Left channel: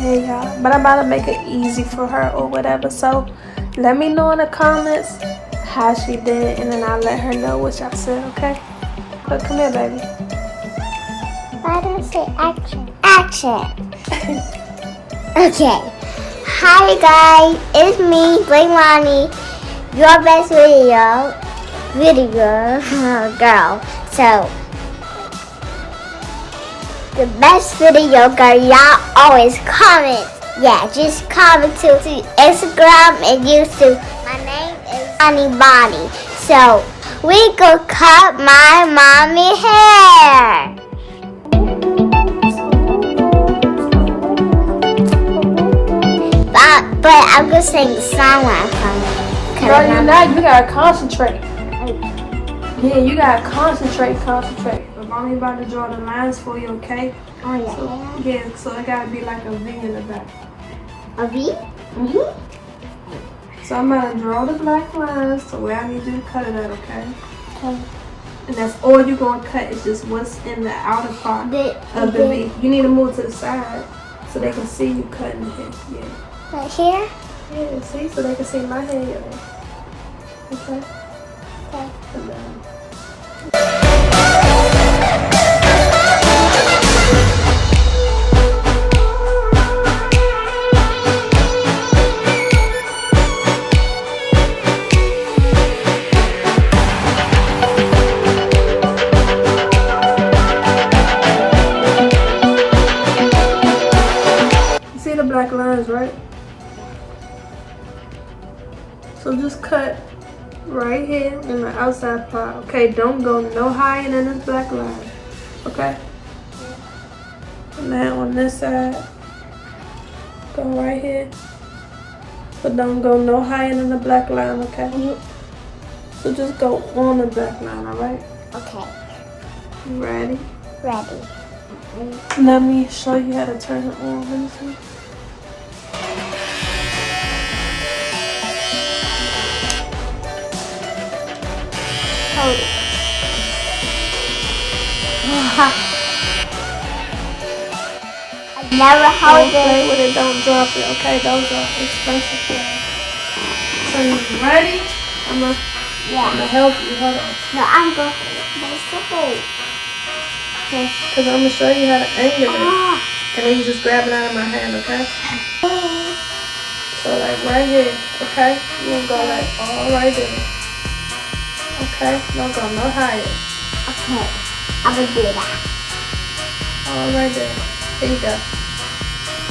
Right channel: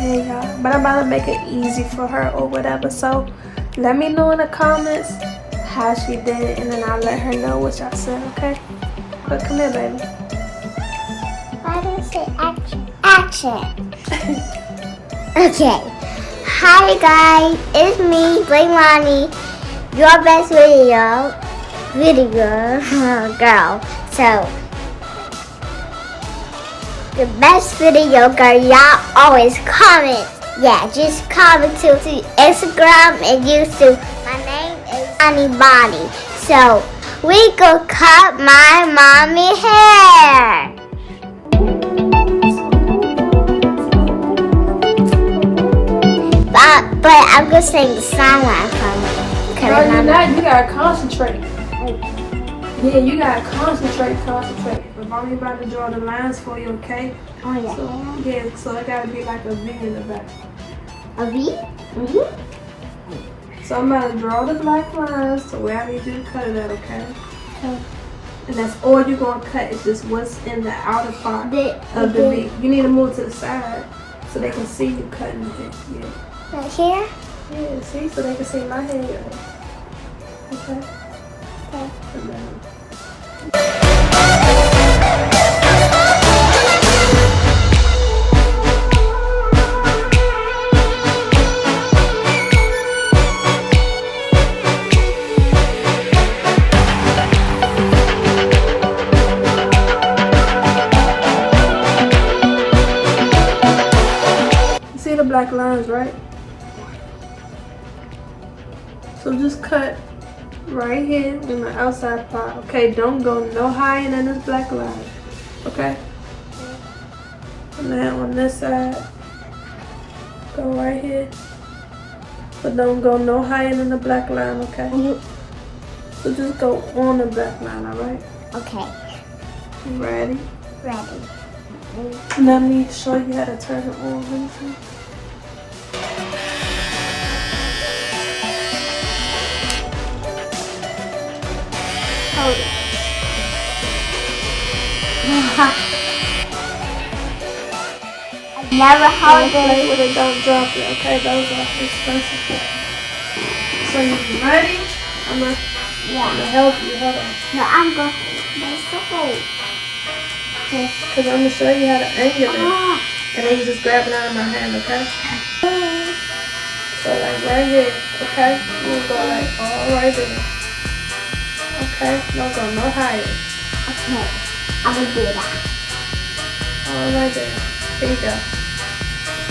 hey y'all. But I'm about to make it easy for her or whatever. So let me know in the comments how she did, and then I'll let her know what y'all said, okay? But come here, baby. Why don't you say action? Action. Okay. Hi guys, it's me, BABYYY, your best video girl. So the best video girl, y'all always comment. Yeah, just comment to Instagram and YouTube. My name is BABYYY. So we go cut my mommy hair. But I'm gonna sing the song when I come. No, you're not. You gotta concentrate. Yeah, you gotta concentrate. But mommy about to draw the lines for you, okay? Oh yeah. So it gotta be like a V in the back. A V? So I'm gonna draw the black lines to where I need you to cut it at, okay? Okay. And that's all you're gonna cut is just what's in the outer part of the V. You need to move to the side so they can see you cutting it. Yeah. Right here? Yeah, see? So they can see my hair. Okay? Okay. You see the black lines, right? So just cut right here on the outside part. Okay, don't go no higher than this black line. Okay? And then on this side, go right here. But don't go no higher than the black line, okay? So just go on the black line, alright? Okay. You ready? Ready. Let me show you how to turn it on. Let me see. Hold it. I never hold Don't play it. with it, don't drop it, okay? Don't drop it. So you ready? I'm gonna help you. Hold on. No, I'm going to hold. Because I'm gonna show you how to angle it. And then you just grab it out of my hand, okay? So like right here, okay? You gonna go like all right there. Okay? Don't go no higher. Okay. I'm going to do that. All right there. Here you go.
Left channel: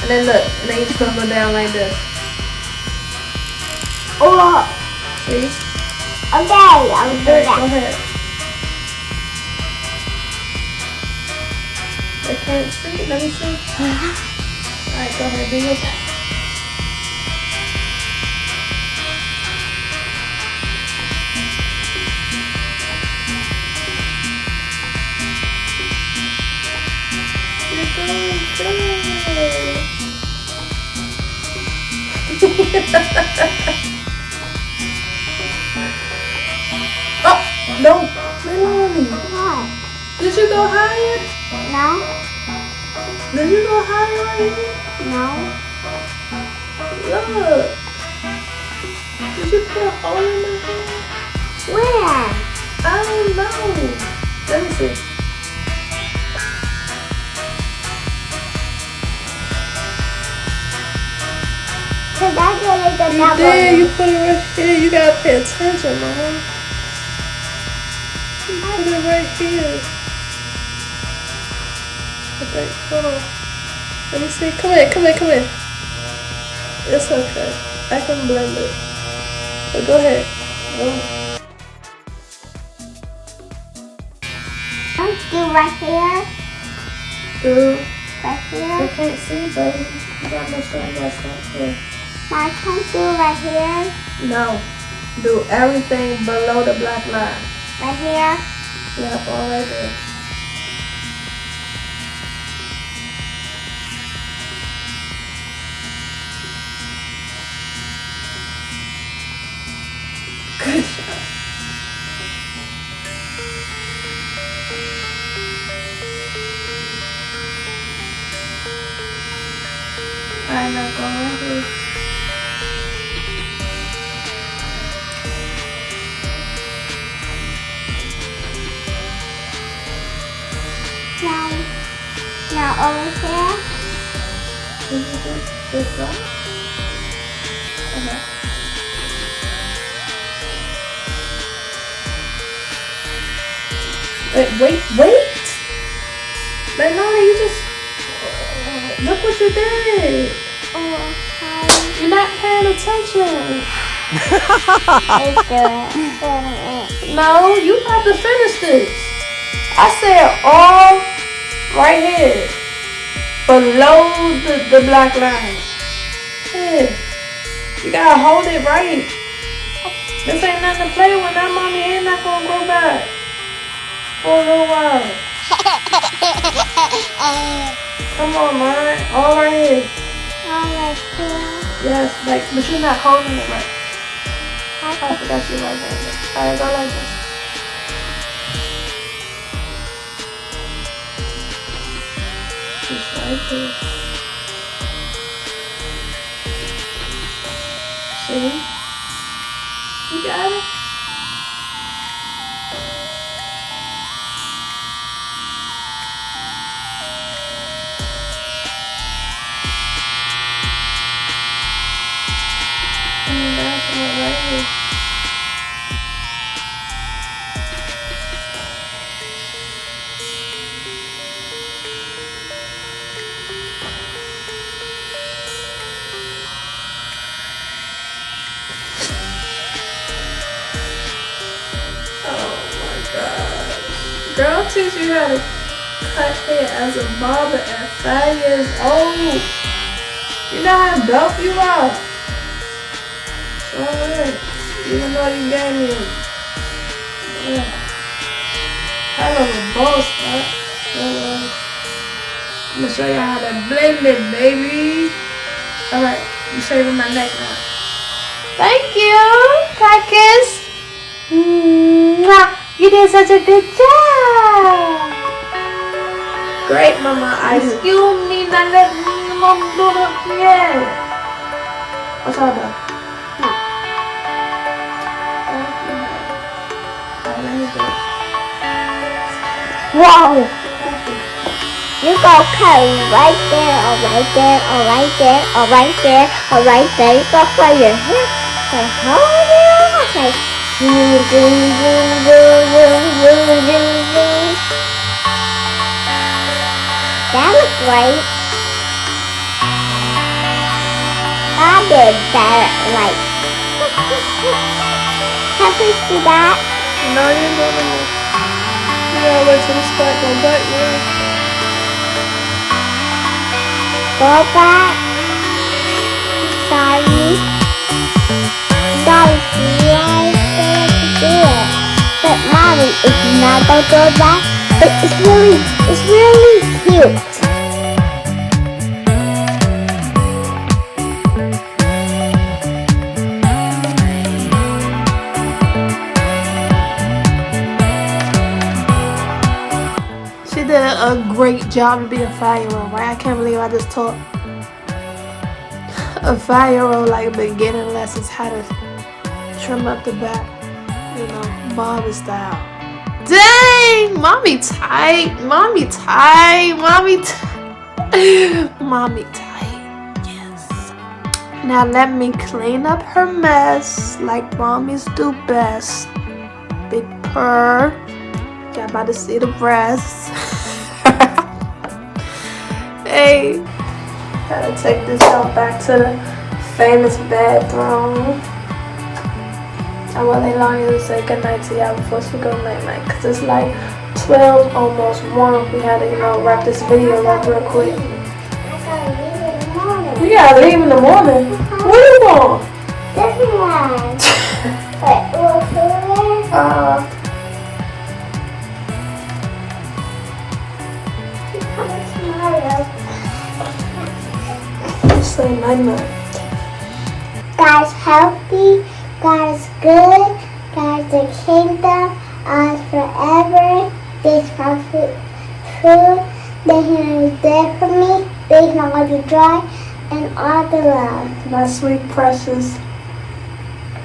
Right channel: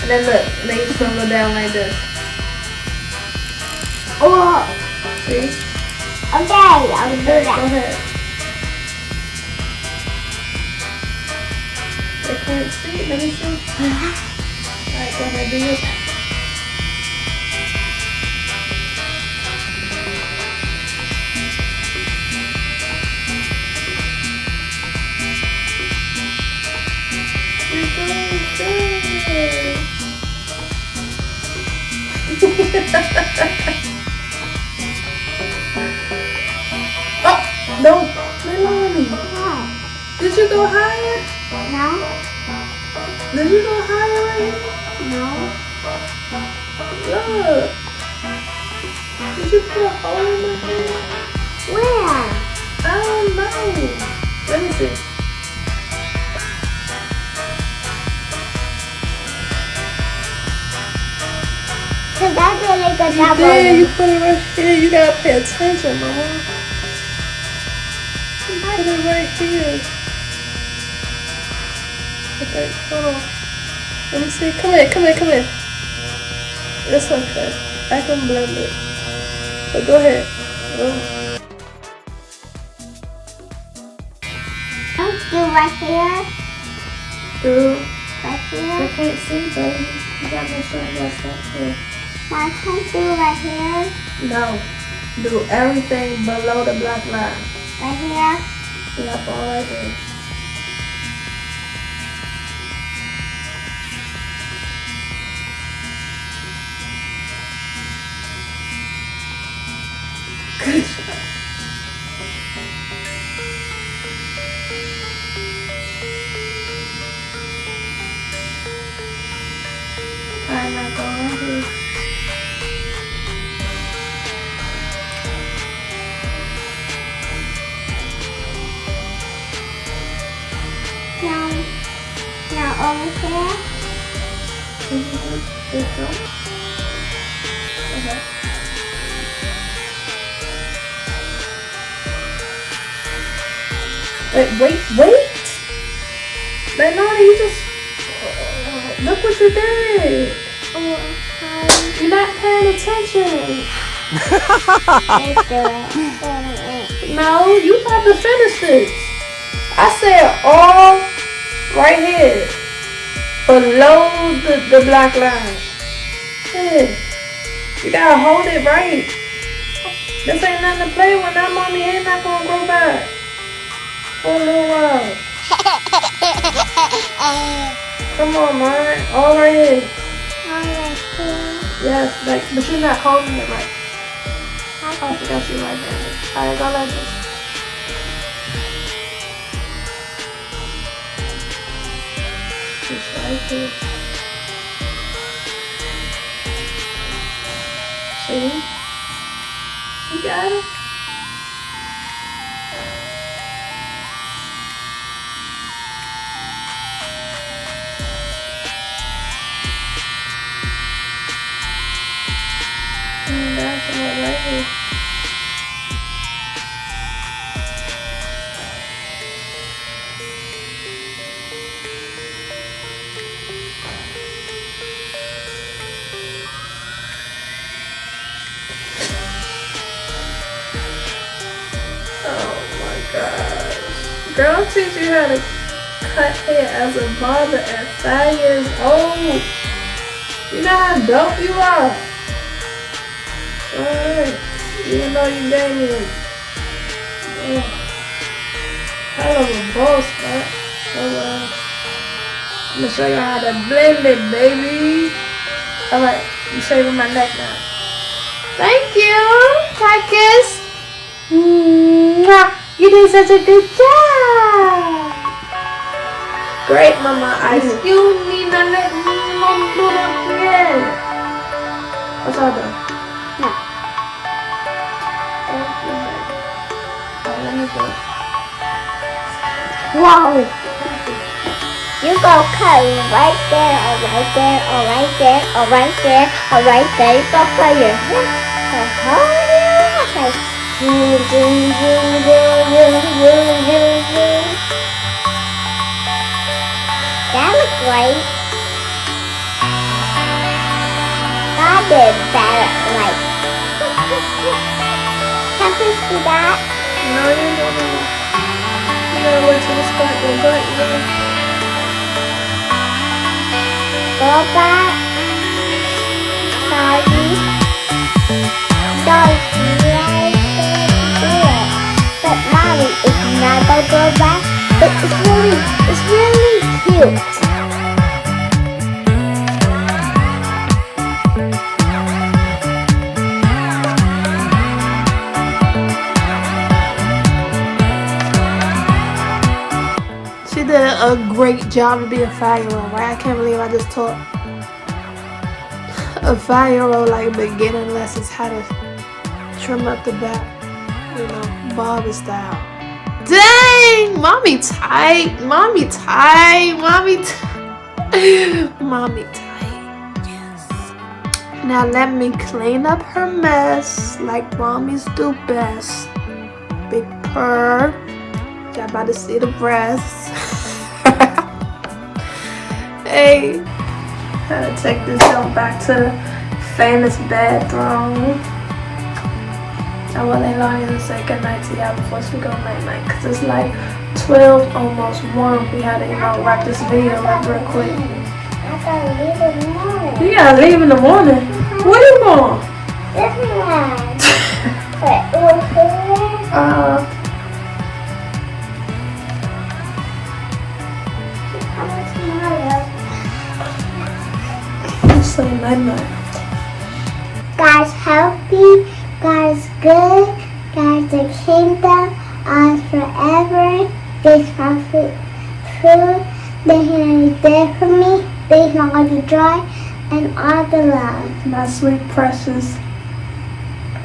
And then look, and then you just gonna go down like this. Oh. See? Okay, I'll do Go that. ahead. They can't see. Let me see. Alright, go ahead, do your thing. You're doing good. Oh, don't. Melanie. What? Did you go higher? No? Did you go higher right here? No? Look. Did you put a hole in my hair? Where? I don't know. Let me see. You did. You put it right here. You gotta pay attention, Mama. You put it right here. Okay, hold on. Let me see. Come here. It's okay. I can blend it. But go ahead. Let's do right here. Do. Right You here. can't see, baby. You got my sunglasses up here. I can do right here. No. Do everything below the black line. Right here. Yep, all right there. Good job. over here. This one? Okay. Wait. Lenora, you just... look what you did. You're not paying attention. No, you about to finish this. I said all right here. Below the black line. Yeah. You gotta hold it right. This ain't nothing to play with. That mommy ain't not gonna grow back for a little while. Come on, man. All right here. Yes, like, but you're not holding it right. I forgot you right there. Alright, go like this. Just right here. See? You got it? And that's all right here. Girl, I'll teach you how to cut hair as a barber at 5 years old. You know how dope you are. Alright. Even though you gave me hell of a boss, but I'm gonna show you how to blend it, baby. Alright, I'm shaving my neck now. Thank you, Caucus. You did such a good job. Great, Mama. Excuse me, now let me do it again. What's all done? No. Let me go. Whoa. You go cut right there, or right there, or right there, or right there, or right there. You go cut your hair. Okay. That looks great. I did that right. Can we see that? No, you don't know. You gotta wait till the start go back, yeah. Go back. It's really cute. She did a great job to be a 5-year-old, right? I can't believe I just taught a 5-year-old like beginning lessons how to trim up the back, you know, barber style. Dang, mommy tight, mommy tight, mommy tight, mommy tight, yes. Now let me clean up her mess like mommies do best. Big purr, y'all about to see the breasts. Hey, gotta take this out back to the famous bathroom. I want Leilani to say goodnight to y'all before she go night-night, because it's like 12, almost 1. We had to, you know, wrap this video up real quick. I gotta leave in the morning. You gotta leave in the morning? Where you going? This one. Wait, what's say night-night. God's healthy, God's good, God's the kingdom, ours forever. There's my food. They're here there for me. They're not going to be dry, and all the love. My sweet precious.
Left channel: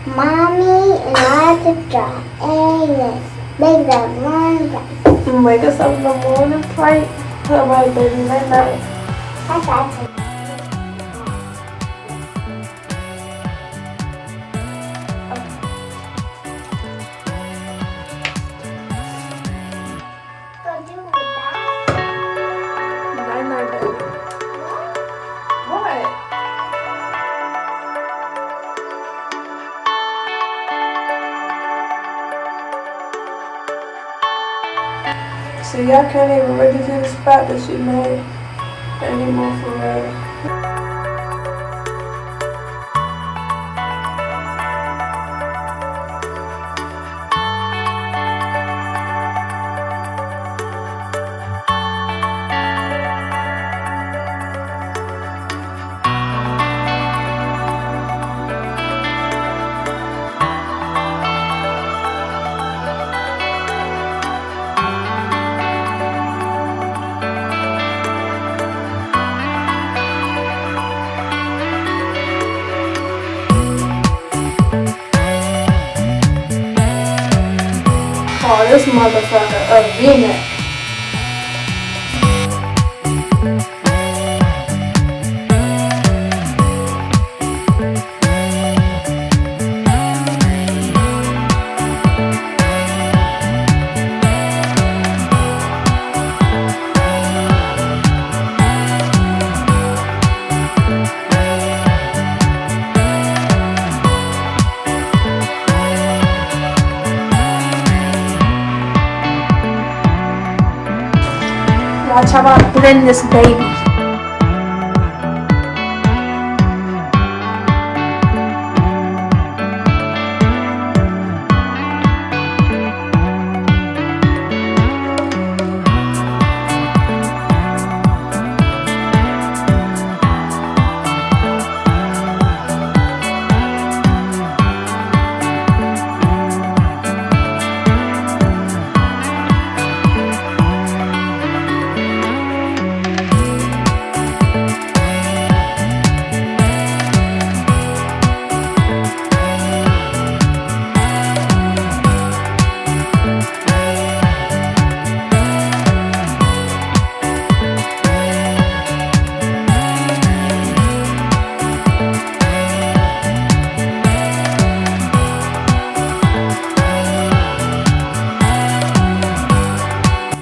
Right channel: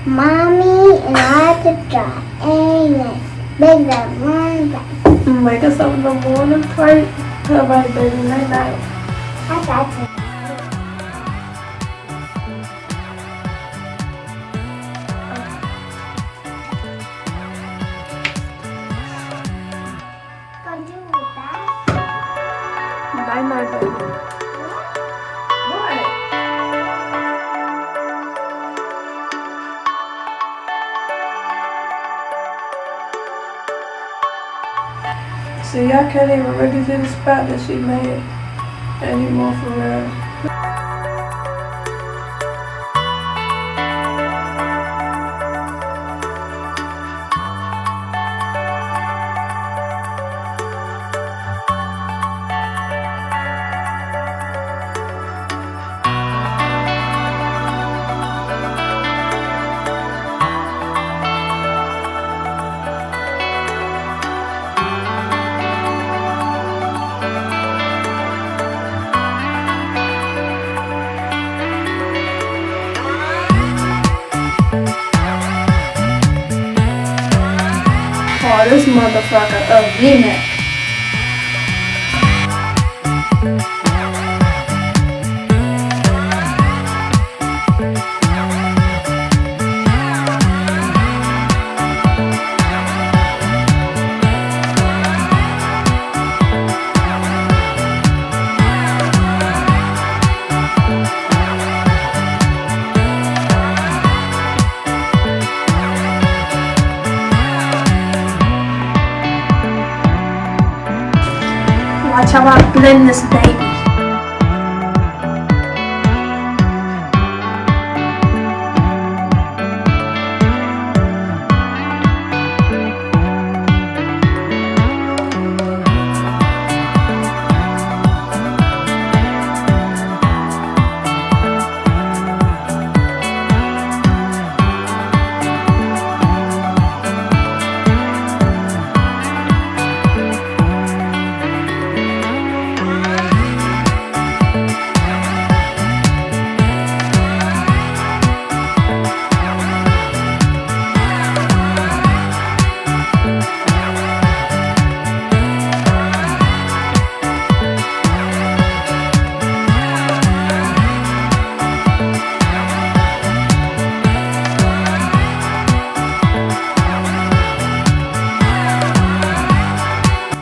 Mommy and all the dry. Amen. Make the morning bright. Wake us up in the morning, right? Alright, baby, night night. Okay. Night night, baby. What? See, y'all can't even really see the spot that she made anymore for real. Oh, this motherfucker a V-neck. Watch how I blend this baby.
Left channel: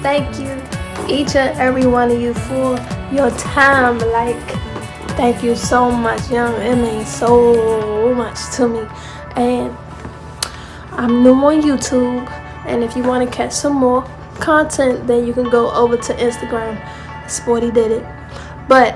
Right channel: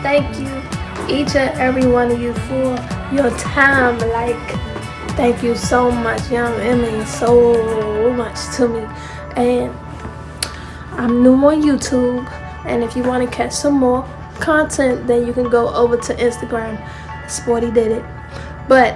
Thank you, each and every one of you, for your time. Like, thank you so much. Young Emily, so much to me. And I'm new on YouTube, and if you want to catch some more content, then you can go over to Instagram. Sporty did it. But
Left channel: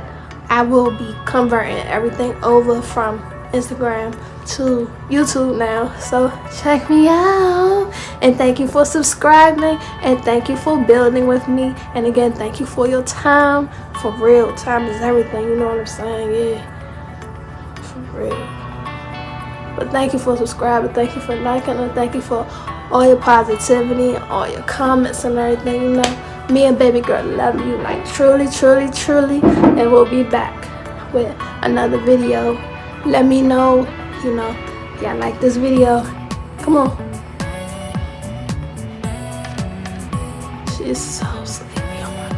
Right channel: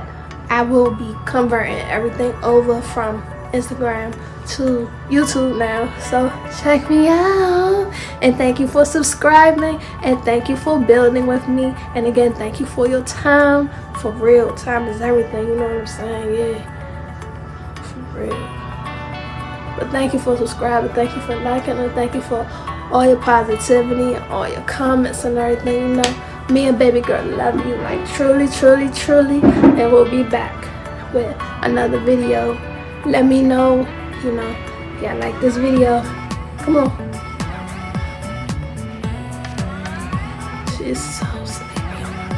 I will be converting everything over from Instagram to YouTube now, so check me out. And thank you for subscribing, and thank you for building with me. And again, thank you for your time. For real, time is everything, you know what I'm saying? Yeah, for real. But thank you for subscribing, thank you for liking, and thank you for all your positivity and all your comments and everything. You know, me and baby girl love you, like truly, truly, truly. And we'll be back with another video. Let me know, you know, y'all like this video. Come on. She's so sleepy. Oh my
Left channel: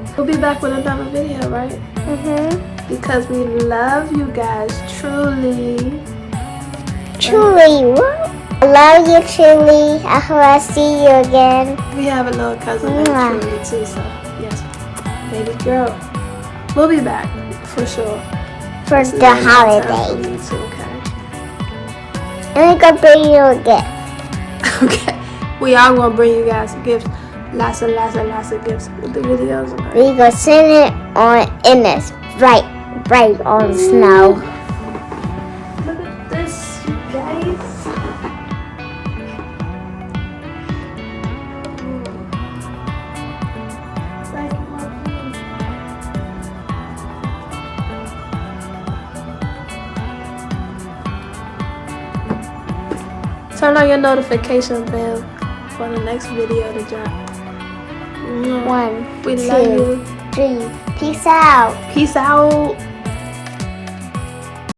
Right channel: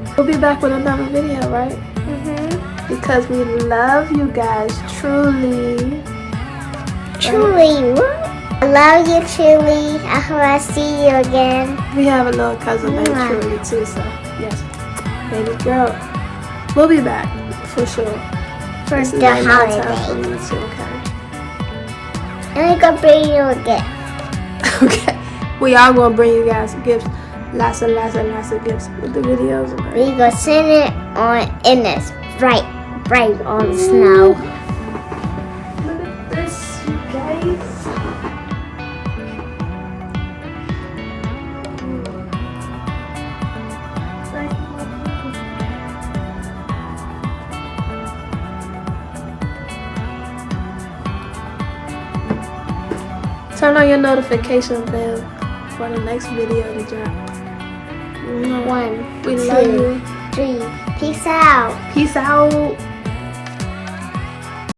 gosh. We'll be back with another video, right? Because we love you guys, truly. Truly, I love you, truly. I hope I see you again. We have a little cousin named Truly too, so yes, baby girl. We'll be back for sure. For This is the like my time holiday. for me too, okay? And I'm gonna bring you a gift. Okay. We are gonna bring you guys gifts. Lots and lots and lots of gifts with the videos. Okay? We gonna send it on in this right on the snow. Look at this, you guys. Turn on your notification bell for the next video to drop. 1, We 2, love you. 3. Peace out. Peace out.